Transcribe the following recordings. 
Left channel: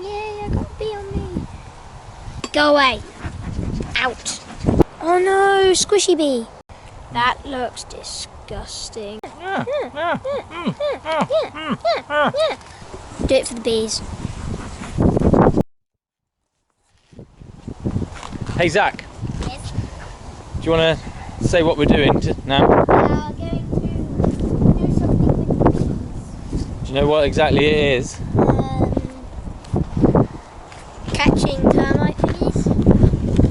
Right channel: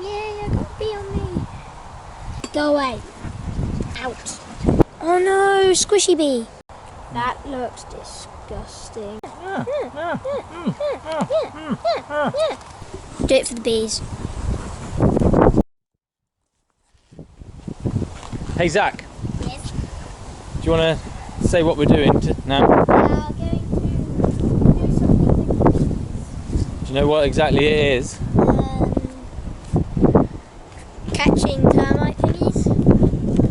Yay, I got a bee on me. Go away. Out. Oh no, squishy bee. That looks disgusting. Do it for the bees. Hey Zach. Yes. Do you want to say what we're doing now? We are going to do something with the bees. Do you know what exactly it is? Catching termite thingies.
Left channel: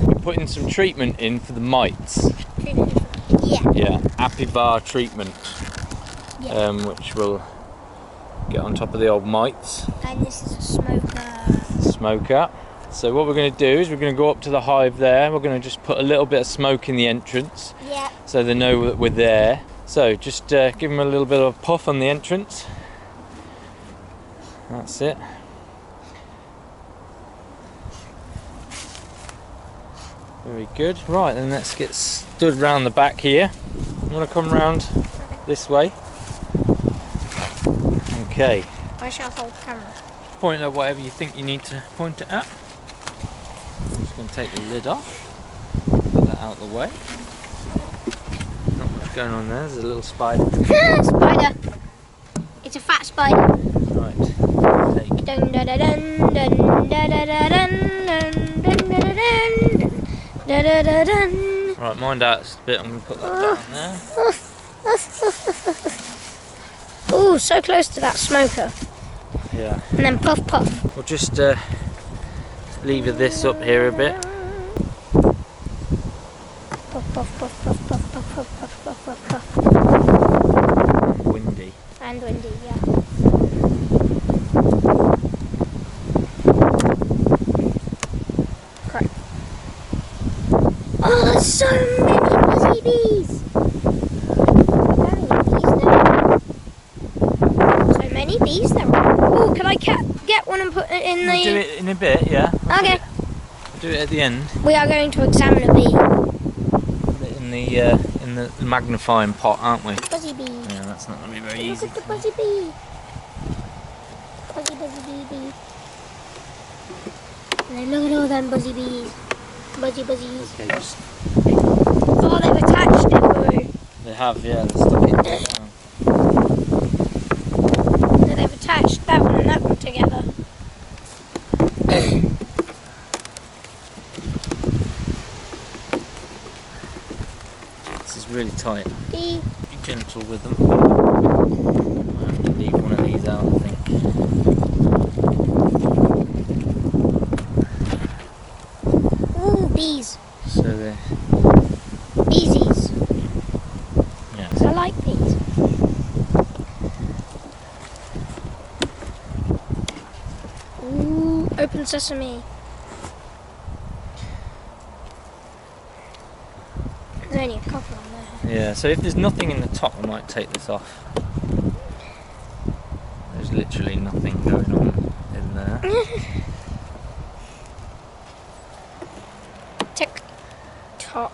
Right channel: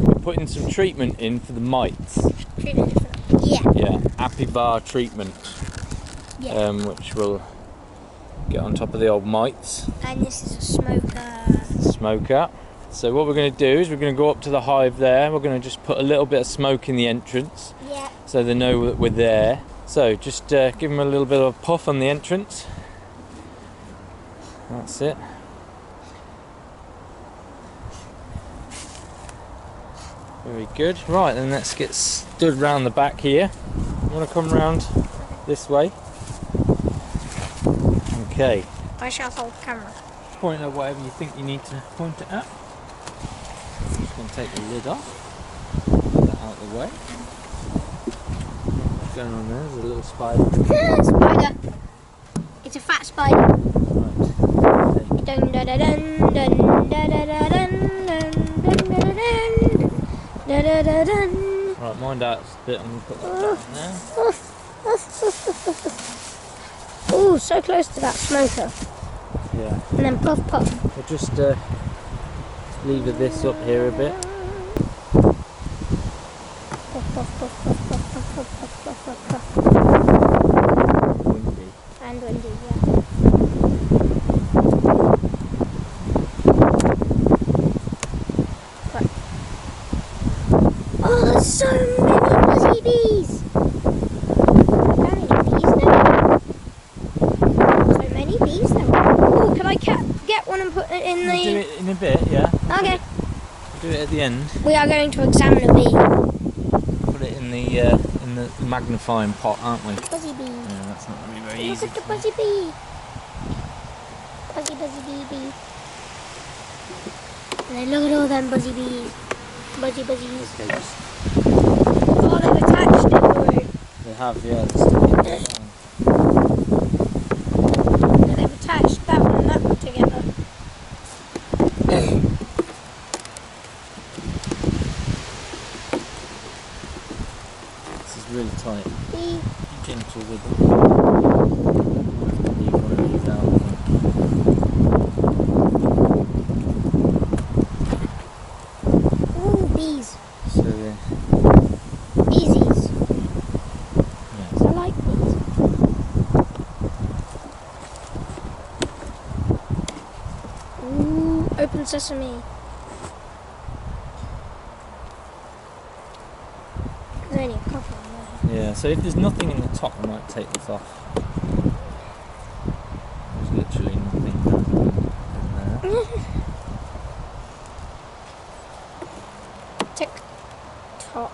We're putting some treatment in for the mites. Treatment for them. Yeah. Yeah, Apivar treatment. Yeah. Which will get on top of the old mites. And this is a smoker. Smoker. So what we're going to do is we're going to go up to the hive there. We're going to just put a little bit of smoke in the entrance. Yeah. So they know that we're there. So just give them a little bit of a puff on the entrance. That's it. Very good. Right, then let's get stood round the back here. You want to come round this way? Okay. I shall hold the camera. Point at whatever you think you need to point it at. I'm just going to take the lid off. Put that out of the way. Not much going on there. There's a little spider. Spider. It's a fat spider. Right. Take. Dun dun dun dun dun dun dun dun dun dun dun dun dun dun dun. Right, mind out a bit. I'm going to put that down there. Oh, so close to that smoker. Yeah. And then puff puff. We'll just lever this up here a bit. Puff puff puff puff puff puff puff puff puff puff. Windy. And windy, yeah. Correct. Oh, there's so many buzzy bees. How many bees there are? So many bees there are. Oh, can I get one and put it in the... We'll do it in a bit, yeah. Okay. Do it at the end. We are going to examine a bee. Put it in the magnifying pot, aren't we? Buzzy bee. Yeah, that's not going to be very Look easy. at the buzzy bee. Buzzy bee bee. And then look at all them buzzy bees. Buzzy buzzies. Okay, just... Oh, they've attached it, Wuru. They have, yeah, they stuck it down. No, they've attached that one and that one together. This is really tight. Bee. Be gentle with them. Might have to leave one of these out, I think. Ooh, bees. So they... Beesies. Yeah. 'Cause I like bees. Ooh, open sesame. There's only a couple on there. Yeah, so if there's nothing in the top, I might take this off. There's literally nothing going on in there. Tick tock.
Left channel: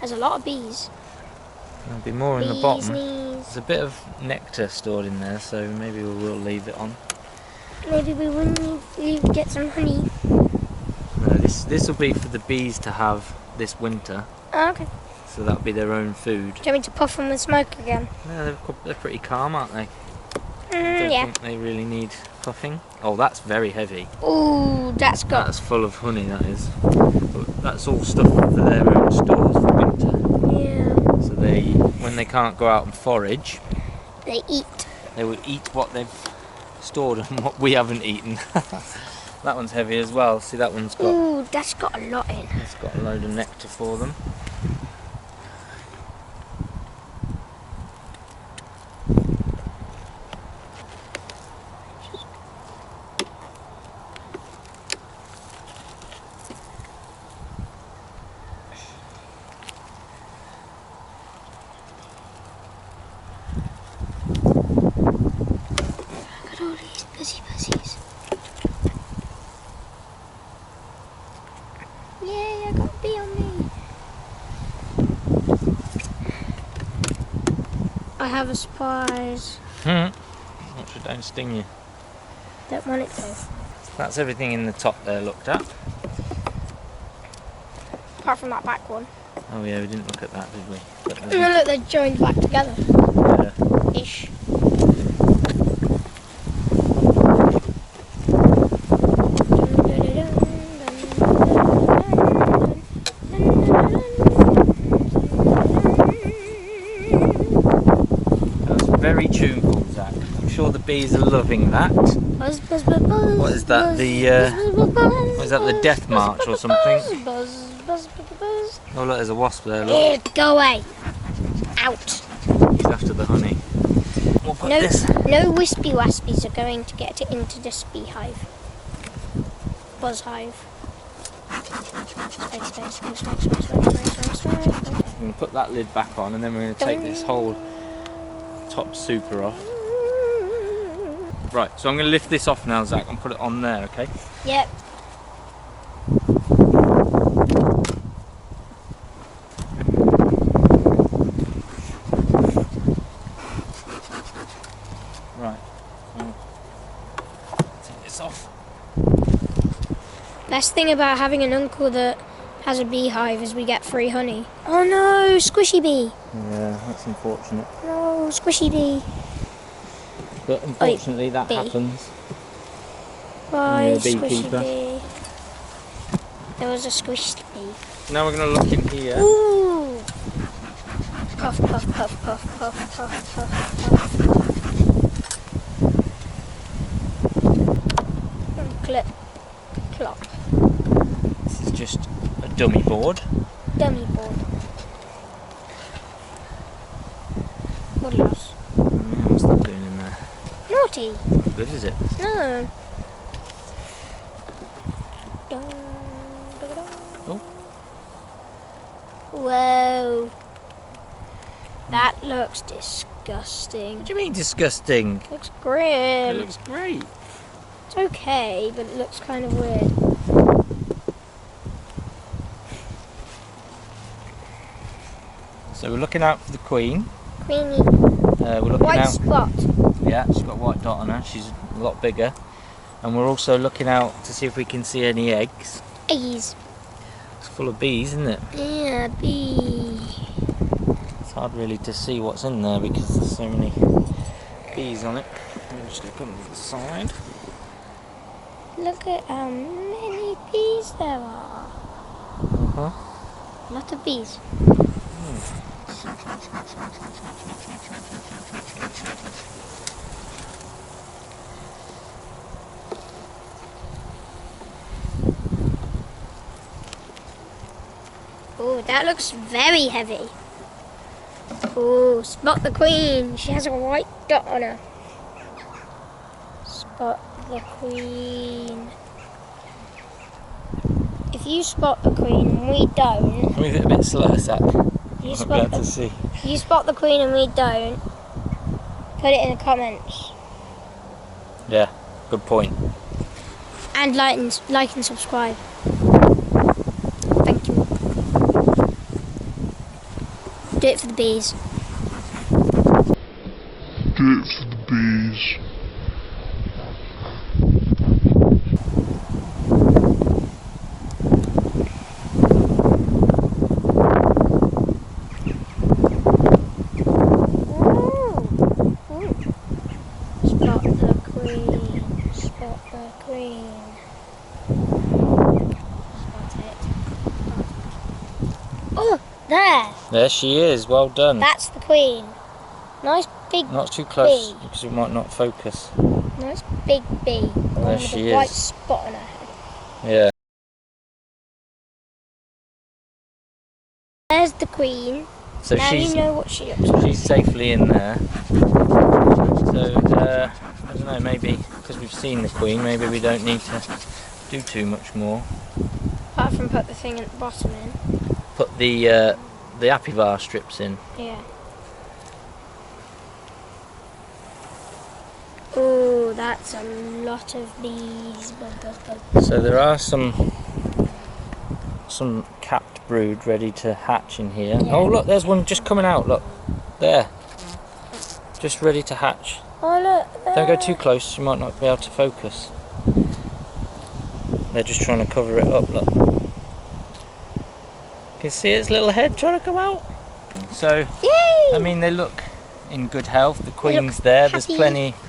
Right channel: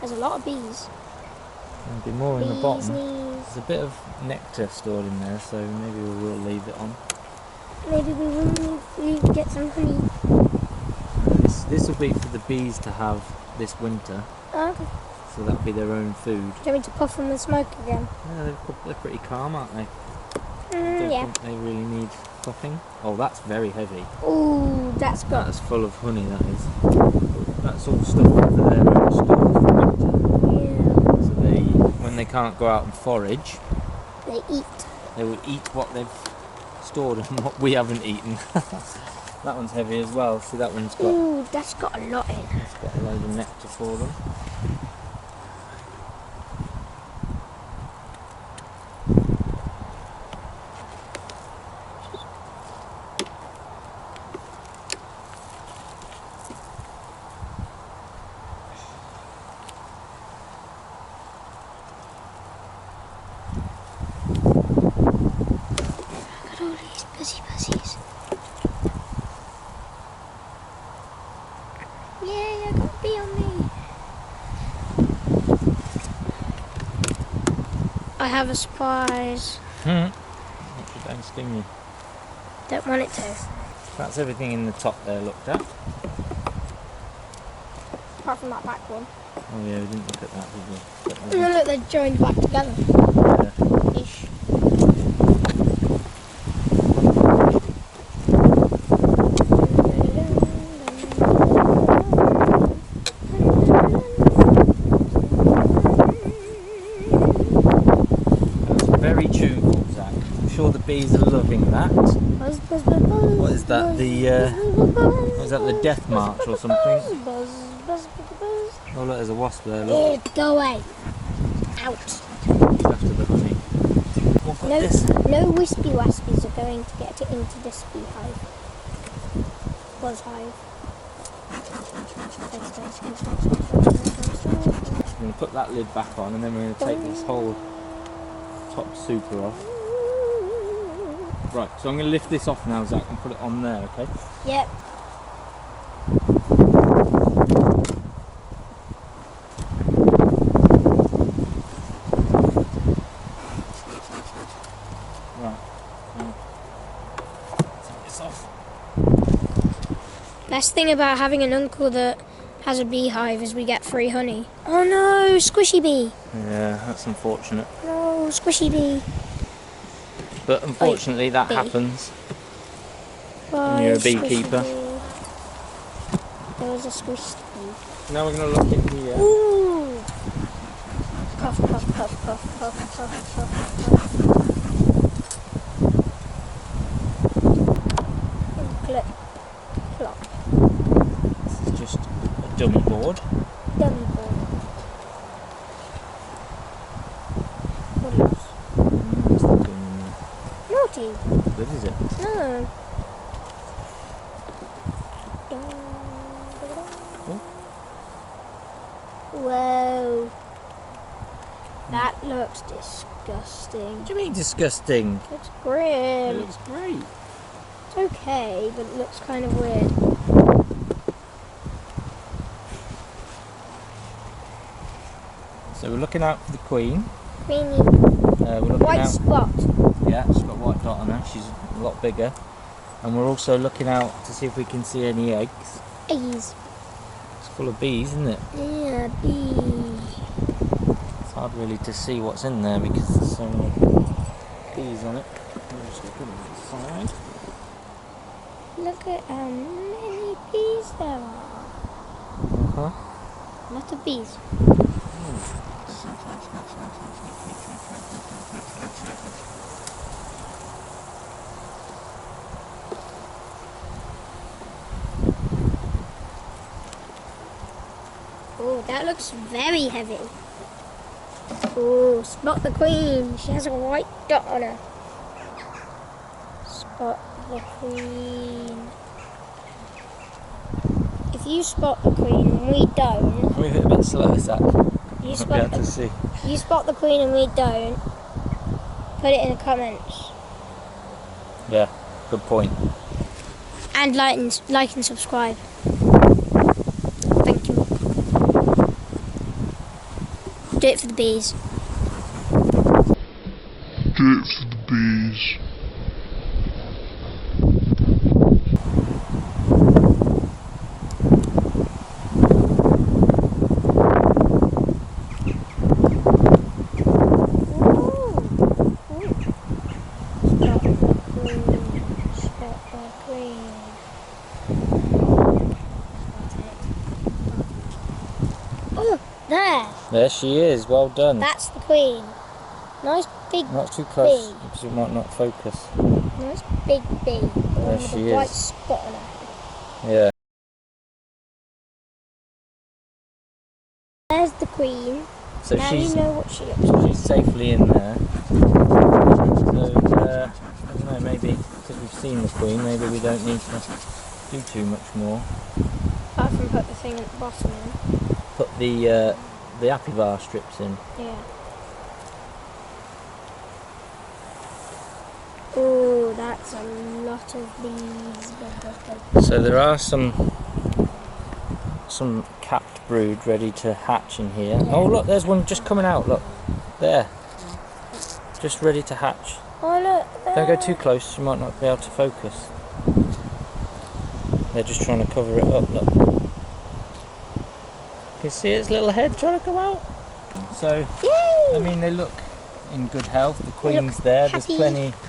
There's a lot of bees. There'll be more in the bottom. Knees. There's a bit of nectar stored in there, so maybe we will leave it on. Maybe we wouldn't get some honey. No, this will be for the bees to have this winter, Oh, okay. so that'll be their own food. Do you want me to puff them with smoke again? Yeah, they're pretty calm, aren't they? I don't Yeah. think they really need puffing. Oh, that's very heavy. Ooh, that's got... That's full of honey, that is. But that's all stuff for their own stores for winter. Yeah. So when they can't go out and forage, They eat. they will eat what they've stored and what we haven't eaten. That one's heavy as well. See, that one's got... Ooh, that's got a lot in. It's got a load of nectar for them. Look at all these busy buzzies. Yay, I got a bee on me. have a surprise. Make sure it don't sting you. Don't want it to. That's everything in the top there looked at. Apart from that back one. Oh yeah, we didn't look at that, did we? But, And look, they're joined back together. yeah. Ish. Very tuneful, Zach. I'm sure the bees are loving that. Buzz, buzz, buzz, buzz. What is that? What is that? The death march or something? Oh look, there's a wasp there. Look. Go away. Out. He's after the honey. We'll put this. No wispy waspies are going to get into this beehive. Buzz hive. I'm going to put that lid back on, and then we're going to take this whole top super off. Right, so I'm going to lift this off now, Zach, and put it on there, okay? Yep. Right, so take this off. Best thing about having an uncle that has a beehive is we get free honey. Oh no, squishy bee. Yeah, that's unfortunate. No, squishy bee. But unfortunately that happens. When you're a beekeeper. Bee. There was a squished bee. Now we're going to look in here. Ooh! Puff, puff, puff, puff, puff, puff, puff, puff. And clip, clop. This is just a dummy board. Dummy board. What else? What's that doing in there? Naughty. Good, is it? No. Oh. Whoa. That looks disgusting. What do you mean disgusting? Looks grim. It looks great. It's okay, but it looks kind of weird. So we're looking out for the queen. Queenie. We're looking White out. spot. Yeah, she's got a white dot on her. She's a lot bigger. And we're also looking out to see if we can see any eggs. Eggies. It's full of bees, isn't it? Yeah, bee. It's hard really to see what's in there because there's so many bees on it. We'll just put them to the side. Look at how many bees there are. Uh-huh. A lot of bees. Oh, that looks very heavy. Oh, spot the queen. She has a white dot on her. Spot the queen. If you spot the queen and we don't, Move it a bit slower, Zach. you I'll be able to see. you spot the queen and we don't, put it in the comments. Yeah, good point. And like and subscribe. Thank you. Do it for the bees. Do it for the bees. Spot the queen. Spot the queen. Spot it. Oh, there. There she is, well done. That's the queen. Nice big Not too close bee. because we might not focus. Nice big bee. The one There with she a white is. spot on her head. Yeah. There's the queen. So Now you know what she looks like. she's safely in there. So I don't know, maybe because we've seen the queen, maybe we don't need to do too much more. Apart from put the thing at the bottom in. Put the Apivar strips in. Yeah. Oh, that's a lot of bees. So there are some capped brood ready to hatch in here. Yeah. Oh look, there's one just coming out. Look, there. just ready to hatch. Oh look. Don't go too close, you might not be able to focus. They're just trying to cover it up, look. You can see its little head trying to come out. So, Yay! I mean, they look in good health. The They queen's look there. happy.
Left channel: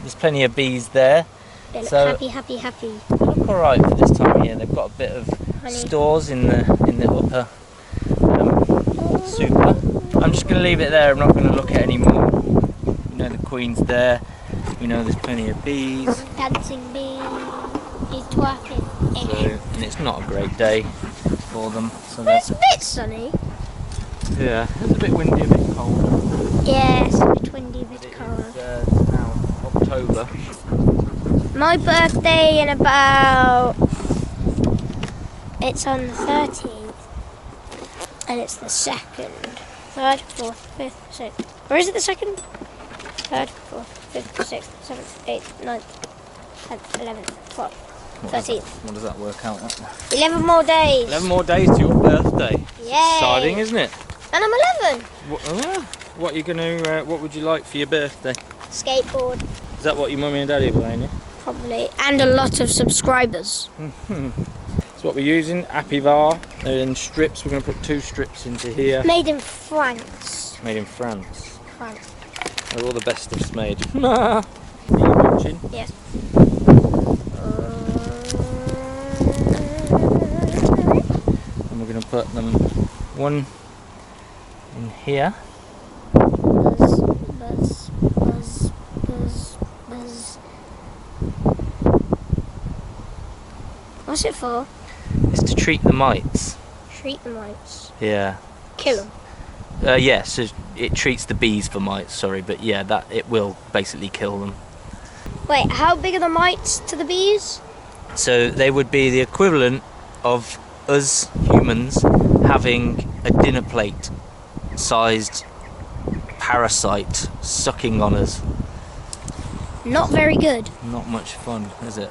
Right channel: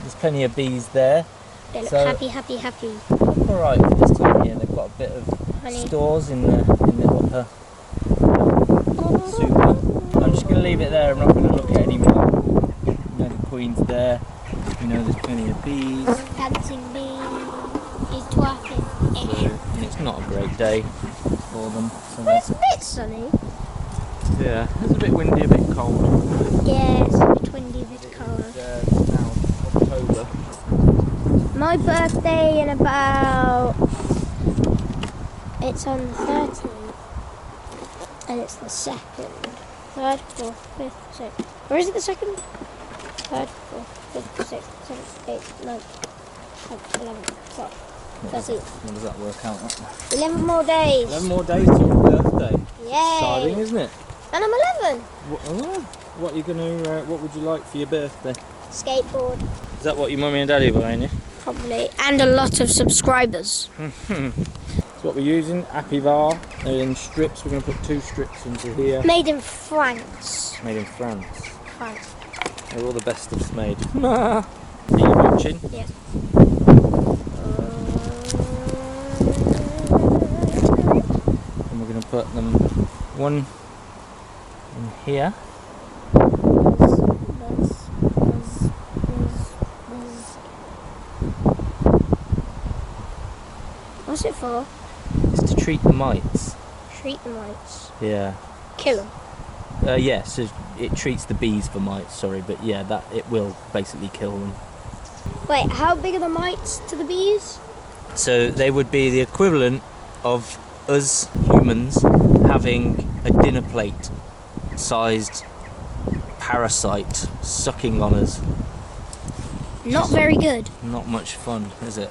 There's plenty of bees there. They look So- happy. They look all right for this time of year. They've got a bit of Honey. stores in the upper super. I'm just going to leave it there. I'm not going to look at any more. You know, the queen's there. You know, there's plenty of bees. Dancing bee. He's twerking. So, and it's not a great day for them. So But it's that's, a bit sunny. yeah, it's a bit windy, a bit cold. Yeah, it's a bit windy, a But bit it cold. is now October. My birthday in about... It's on the 13th. And it's the 2nd. 3rd, 4th, 5th, 6th. Or is it the 2nd? 3rd, 4th, 5th, 6th, 7th, 8th, 9th, 10th, 11th, 12th, 13th. What does that work out at? 11 more days. 11 more days to your birthday. Yay. Exciting, isn't it? And I'm 11. What are you gonna? What would you like for your birthday? Skateboard. Is that what your mummy and daddy are buying you? Probably. And a lot of subscribers. That's what we're using. Apivar. They're in strips. We're gonna put 2 strips into here. Made in France. Made in France. France. They're all the best stuff's made. Are you watching? Yes. And we're gonna put them one in here. Buzz, buzz, buzz, buzz, buzz. What's it for? It's to treat the mites. Treat the mites. Yeah. Kill them. Yeah. So it treats the bees for mites. Sorry, but yeah, that it will basically kill them. Wait, how big are the mites to the bees? So they would be the equivalent of us humans having a dinner plate sized parasite sucking on us. Not very good. Not much fun, is it?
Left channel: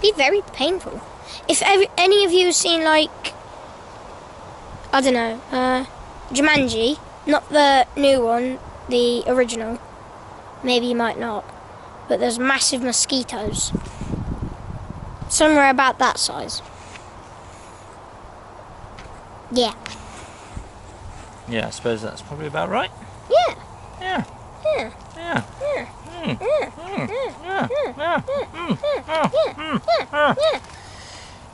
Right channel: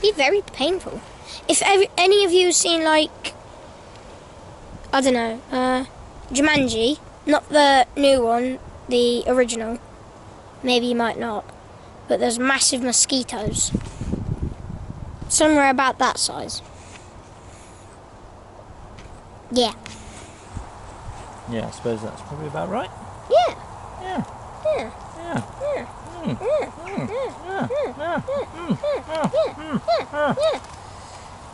Be very painful. If any of you have seen, like, I don't know, Jumanji, not the new one, the original, maybe you might not, but there's massive mosquitoes. Somewhere about that size. Yeah. Yeah, I suppose that's probably about right. Yeah. Yeah. Yeah. Yeah. Yeah. Mm. Yeah. Mm. Yeah. Yeah. Yeah. Yeah.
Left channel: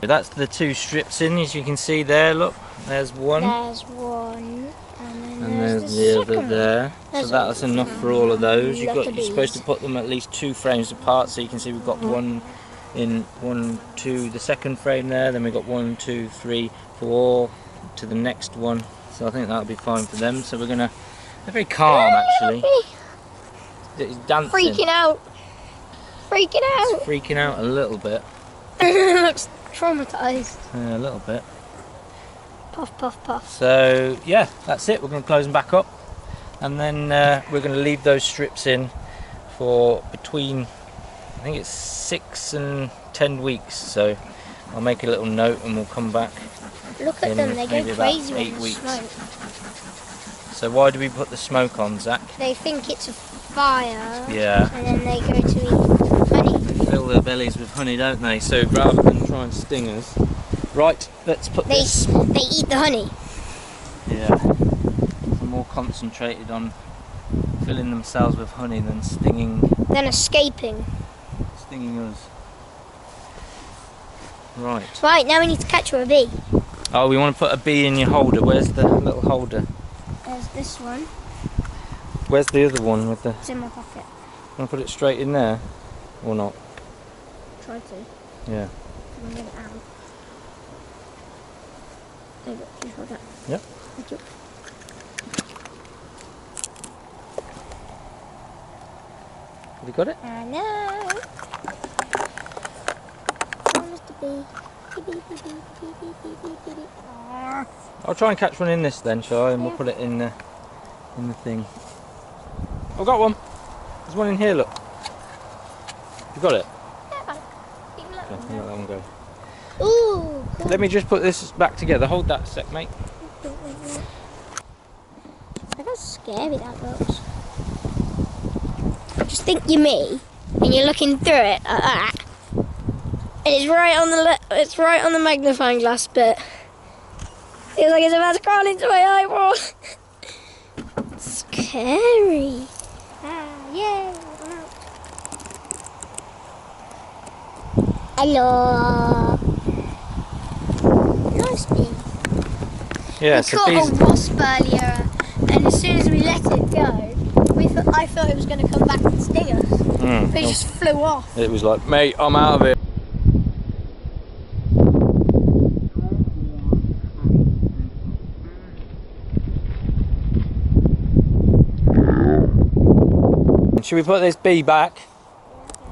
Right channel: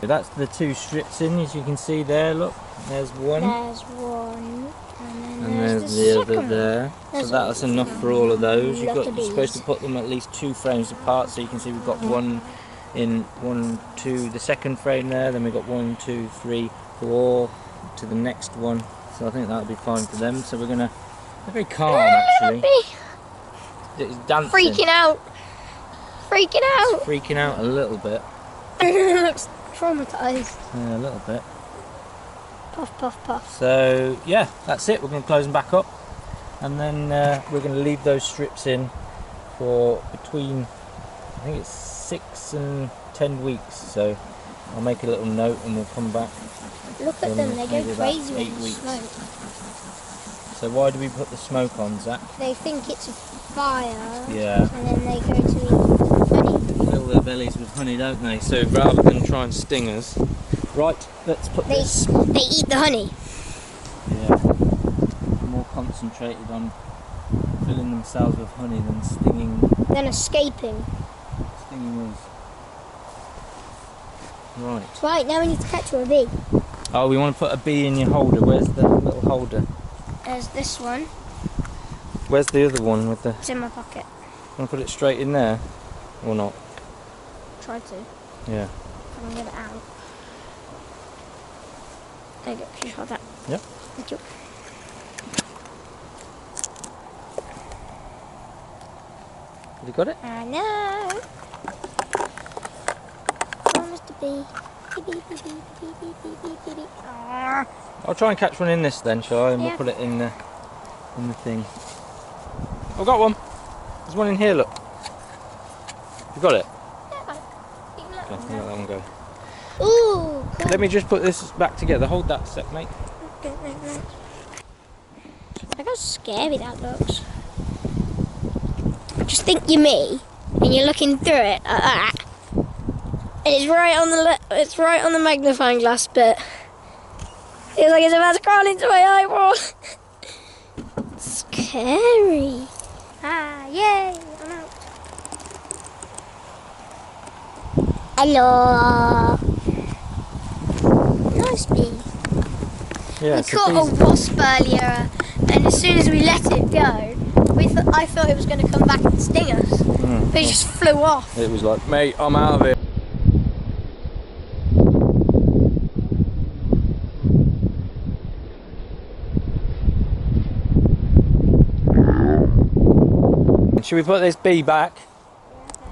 That's the 2 strips in, as you can see there. Look, there's one, There's one, and then and there's there's the the second other there. There's So that's enough for all of those. lot of You're supposed to bees. put them at least 2 frames apart. So you can see we've got one in 1, 2, the second frame there. Then we've got 1, 2, 3, 4 to the next one. So I think that'll be fine for them. So we're gonna. They're very calm actually. It's dancing. Freaking out. Freaking out. It's freaking out a little bit. Looks traumatized. Yeah, a little bit. Puff, puff, puff. So yeah, that's it. We're going to close them back up, and then we're going to leave those strips in for between, I think it's 6 and 10 weeks. So I'll make a little note, and we'll come back. Look at in them, they maybe go about crazy 8 with the weeks. smoke. So why do we put the smoke on, Zach? They think it's a fire, Yeah. and then they go to eat honey. They fill their bellies with honey, don't they? So rather than try and sting us, right? Let's put They this. eat the honey. Yeah. They're more concentrated on filling themselves with honey than stinging Then escaping. us. Right. Right, now we need to catch a bee. Oh, we want to put a bee in your holder. Where's the little holder? There's this one. Where's the other one with the... It's in my pocket. Want to put it straight in there? Or not? Try to. Yeah. I'm gonna get it out. There you go. Can you hold that? Yep. Thank you. Have you got it? I know. Oh, Mr. Bee. Bee, bee, bee, bee, bee, bee, bee, bee, bee, bee. Aw. I'll try and catch one in this then, shall I? And Yeah. we'll put it in the thing. I've got one. There's one in here, look. You got it? Yeah, you can let Okay, me I'll let that one go. Ooh, cool. Let me just put this back together. Hold that a sec, mate. Look how scary that looks. just think you're me, and you're looking through it like that, and it's right on the magnifying glass, but feels like it's about to crawl into my eyeball. Scary. Ah, yay! I'm out. Hello. Nice bee. Yeah, We so caught bees, a wasp earlier, and as soon as we let it go, I thought it was going to come back and sting us. But it just flew off. it was like, mate, I'm out of here. And should we put this bee back?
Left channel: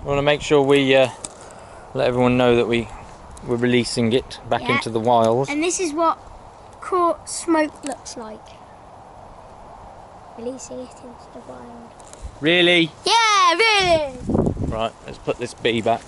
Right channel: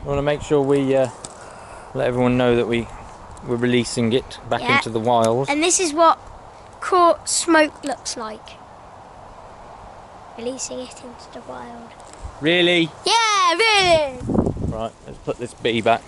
I want to make sure we let everyone know that we're releasing it back into the wild. And this is what caught smoke looks like. Releasing it into the wild. Really? Yeah, really! Right, let's put this bee back.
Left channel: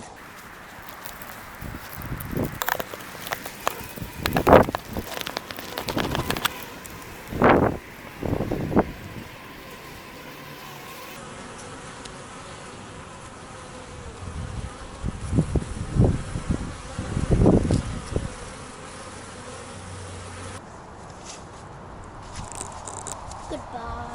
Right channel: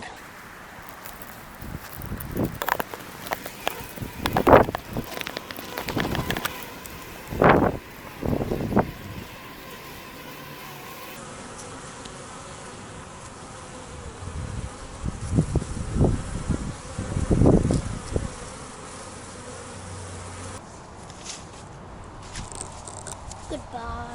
Goodbye.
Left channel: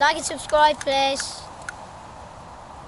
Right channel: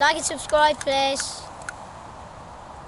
Like and subscribe, please.